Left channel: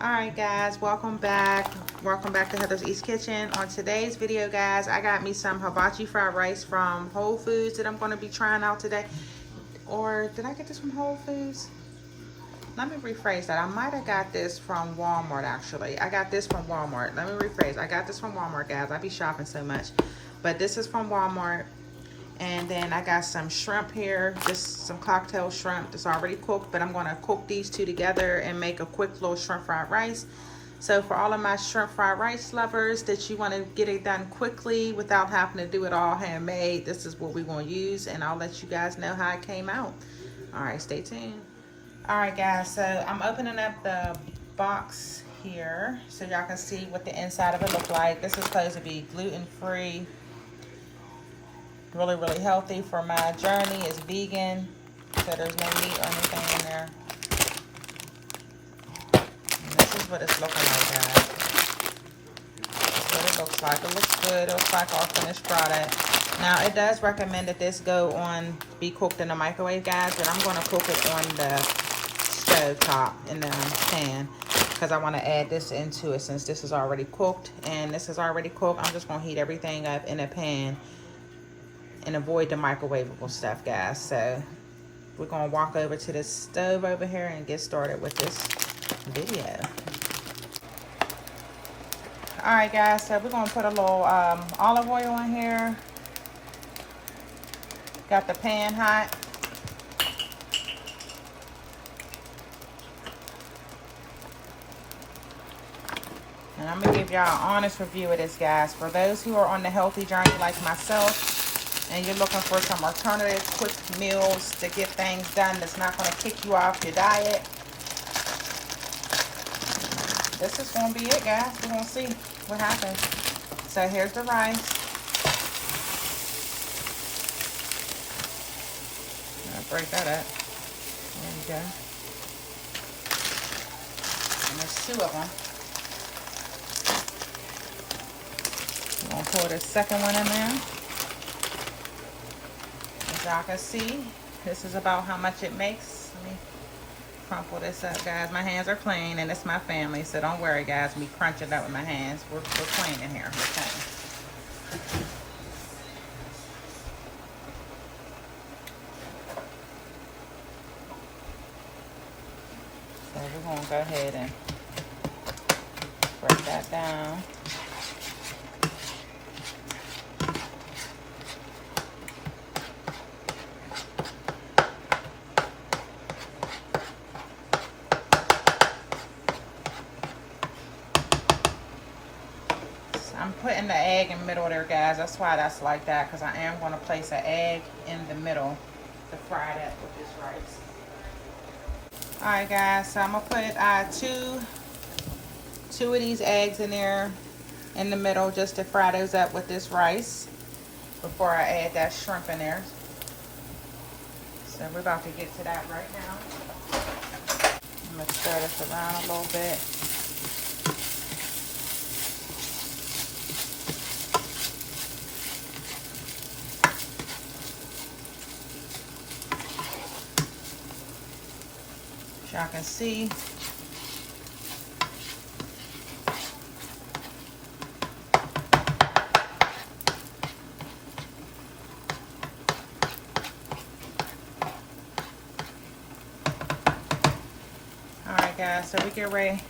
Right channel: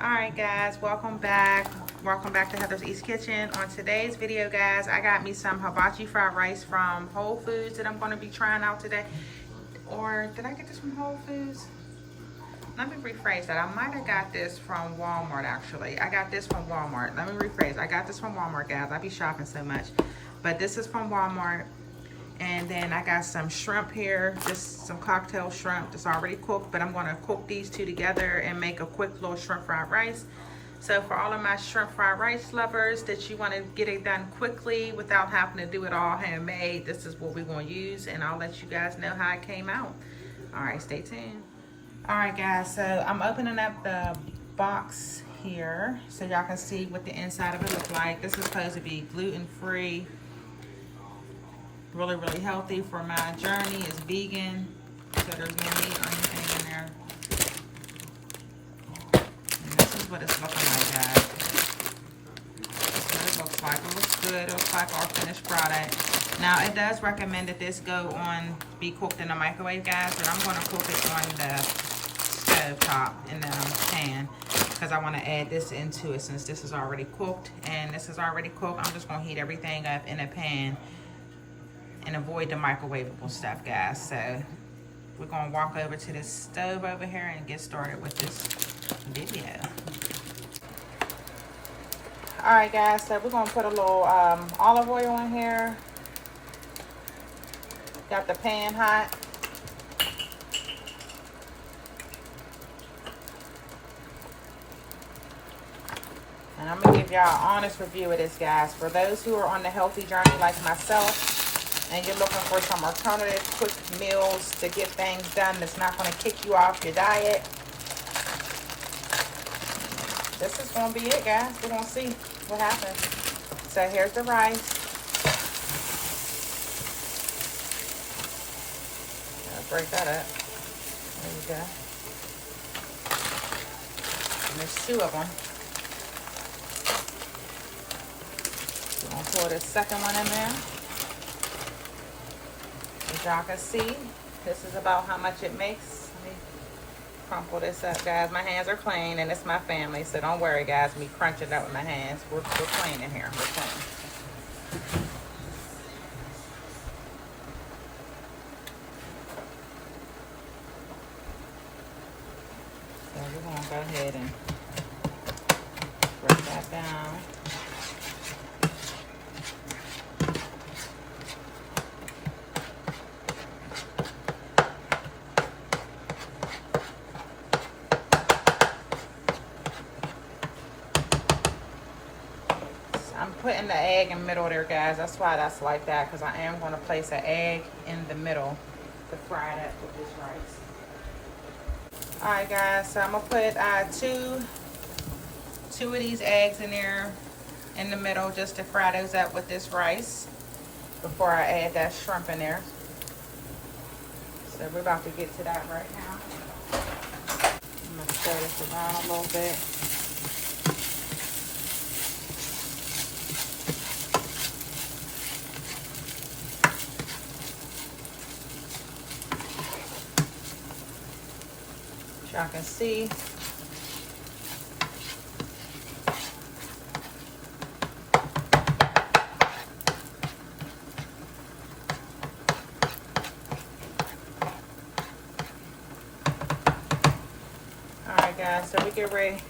Alright guys, welcome back. Welcome back to Heather's East Kitchen. On today's video, guys, I got me some hibachi fried rice from Whole Foods that I'm going to be trying out today. Or did I get this from Whole Foods? Let me rephrase that. I might have got this from Walmart actually. I got this from Walmart. Let me rephrase. I got this from Walmart, guys. I be shopping so much. But this is from Walmart. And then I got some shrimp here, just some cocktail shrimp that's already cooked, but I'm gonna cook these two together and make a quick little shrimp fried rice. So for all of my shrimp fried rice lovers that you wanna get it done quickly without having to do it all handmade, this is what we're gonna use, and I'll let you guys know how it came out. All right, stay tuned. All right guys, so I'm opening up the box here so y'all can see what the inside of it look like. This is supposed to be gluten-free. Really healthy for my journey. It's vegan, so there's no meat or anything in there. And this is what it's looking like, guys. That's what it looks like. It looks good. It looks like our finished product. Now, it does recommend that this be cooked in the microwave, guys, but I'm going to cook it on the stove top in the pan because I want to add this into it since this is already cooked. And this is already cooked. I'm just going to heat everything up in a pan and avoid the microwavable stuff, guys. So we're gonna walk over to this stove over here and get started with this video. All right guys, so we're gonna put a little olive oil in here. Got the pan hot. And I'm gonna give y'all an honest review of this, guys. For those who are on the healthy journey like myself, and you're looking for some alternative quick meals to get things done that's not going to kick you off your diet, this is going to be it, guys. We're going to see what happens. So here's the rice. I'll break that up. There we go. And there's two of them. I'm going to pour this second one in there. Y'all can see, this is about how much it makes. Let me crumple this up, guys. My hands are clean, and it's my family, so don't worry, guys. Me crunch it up with my hands. We're clean in here. We're clean. So we're going to go ahead and break that down. I'm putting the egg in the middle there, guys. That's why that's like that, because I am going to place an egg in the middle to fry it up with this rice. Alright guys, so I'm going to put two of these eggs in there in the middle just to fry those up with this rice before I add that shrimp in there. So we're about to get to that right now. I'm going to spread this around a little bit. Y'all can see. Alright guys, so we get ready.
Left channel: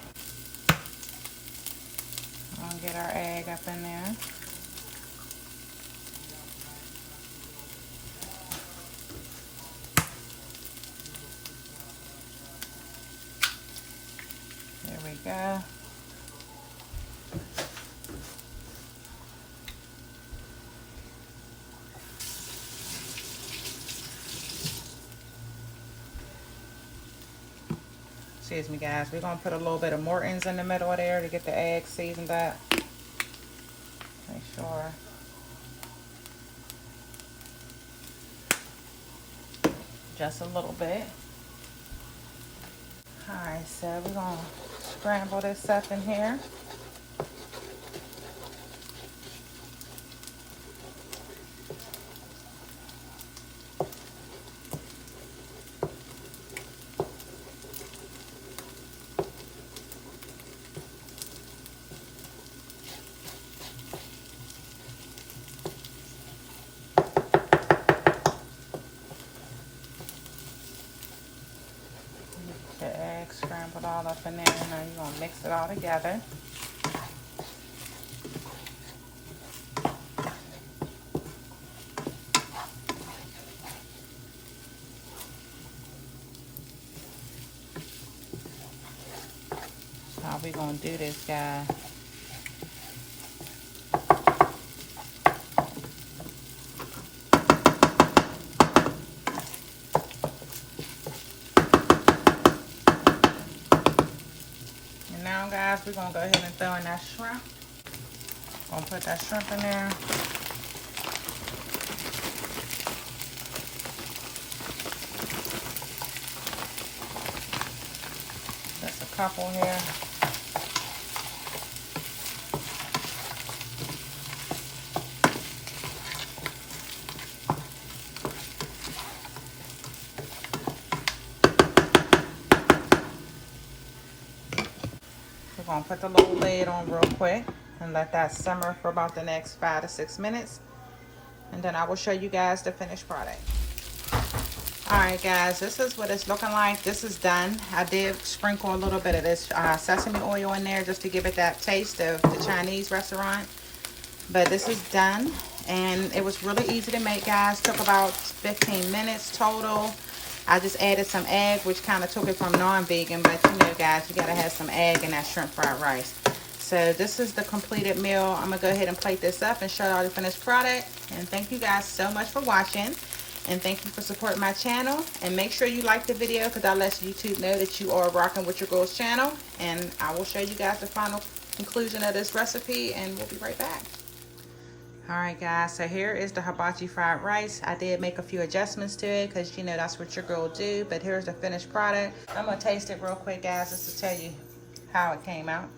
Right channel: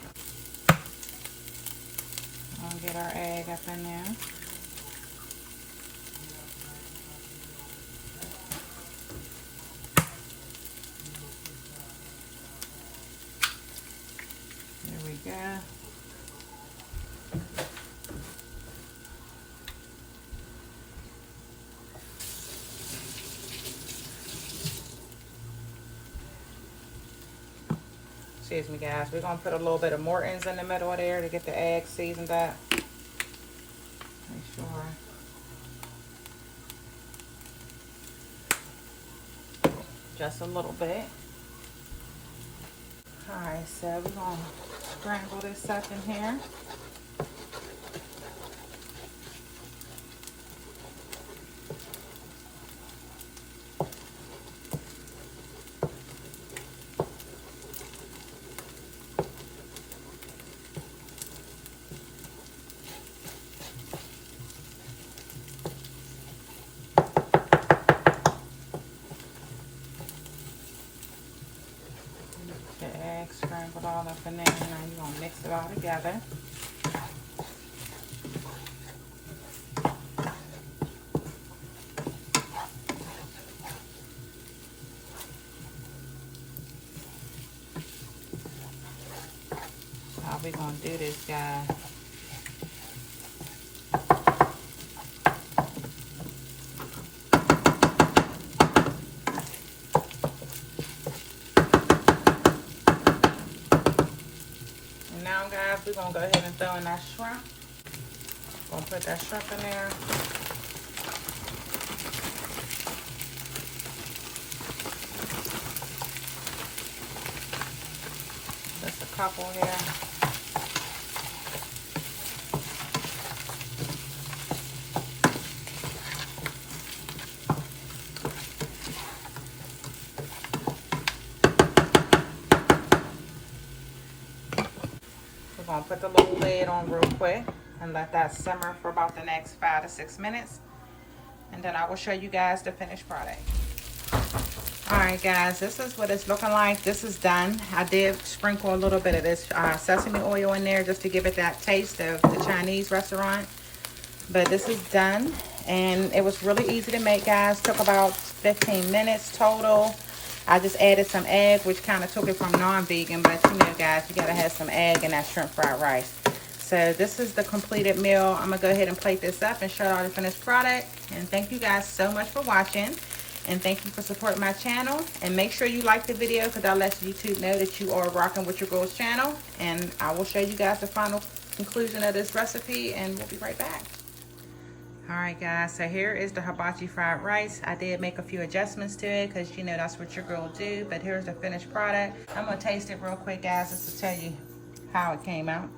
I'm gonna get our egg up in there. There we go. Excuse me, guys. We're going to put a little bit of Morton's in the middle of there to get the egg seasoned up. Make sure. Just a little bit. Alright, so we're going to scramble this up in here. gonna do this, guys. And now, guys, we're gonna go ahead and throw in that shrimp. Gonna put that shrimp in there. Just a couple here. We're gonna put the little lid on real quick and let that simmer for about the next 5 to 6 minutes. And then I will show you guys the finished product. Alright guys, this is what it's looking like. This is done. I did sprinkle a little bit of this sesame oil in there just to give it that taste of the Chinese restaurant. But this is done. And it was really easy to make, guys. Took about 15 minutes total. I just added some egg, which kind of took it from non-vegan. But you know, guys, you got to have some egg in that shrimp fried rice. So this is the completed meal. I'm going to go ahead and plate this up and show you all the finished product. And thank you guys so much for watching. And thank you for supporting my channel. And make sure you like the video because that lets YouTube know that you are rocking with your girl's channel. And I will show you guys the final conclusion of this recipe and we'll be right back. Alright guys, so here is the hibachi fried rice. I did make a few adjustments to it because you know that's what your girl will do. But here's the finished product. I'm going to taste it real quick, guys, just to tell you how it came out.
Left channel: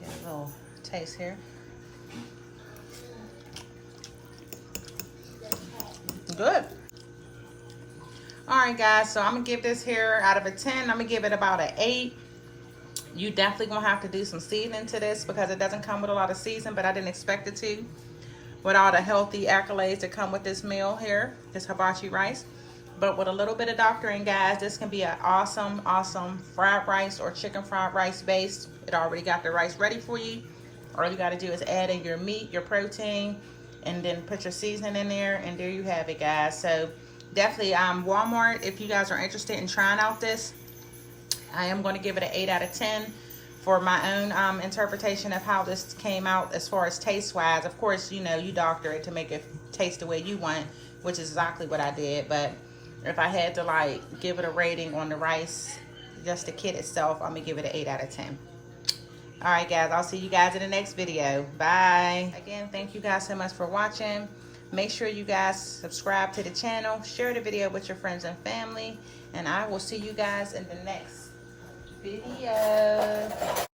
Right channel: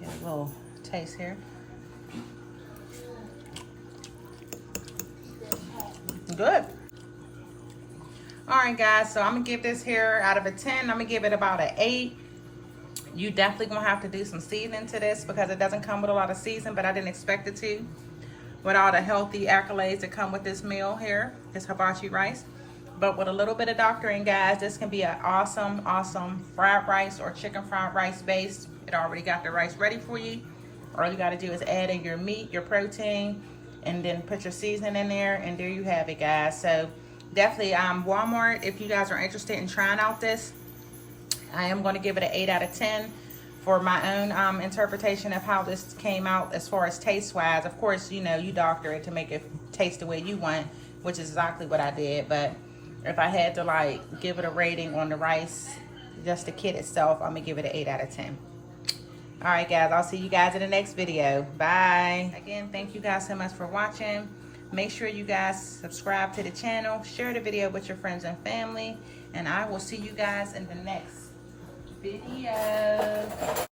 Get a little taste here. Good. Alright guys, so I'm going to give this here out of a 10. I'm going to give it about an 8. You definitely going to have to do some seasoning to this because it doesn't come with a lot of season, but I didn't expect it to. With all the healthy accolades that come with this meal here, this hibachi rice. But with a little bit of doctoring, guys, this can be an awesome, awesome fried rice or chicken fried rice base. It already got the rice ready for you. All you got to do is add in your meat, your protein, and then put your seasoning in there, and there you have it, guys. So definitely Walmart, if you guys are interested in trying out this, I am going to give it an 8 out of 10 for my own interpretation of how this came out as far as taste wise. Of course, you know, you doctor it to make it taste the way you want, which is exactly what I did. But if I had to like give it a rating on the rice, just the kit itself, I'm gonna give it an 8 out of 10. All right guys, I'll see you guys in the next video. Bye. Again, thank you guys so much for watching. Make sure you guys subscribe to the channel, share the video with your friends and family, and I will see you guys in the next video.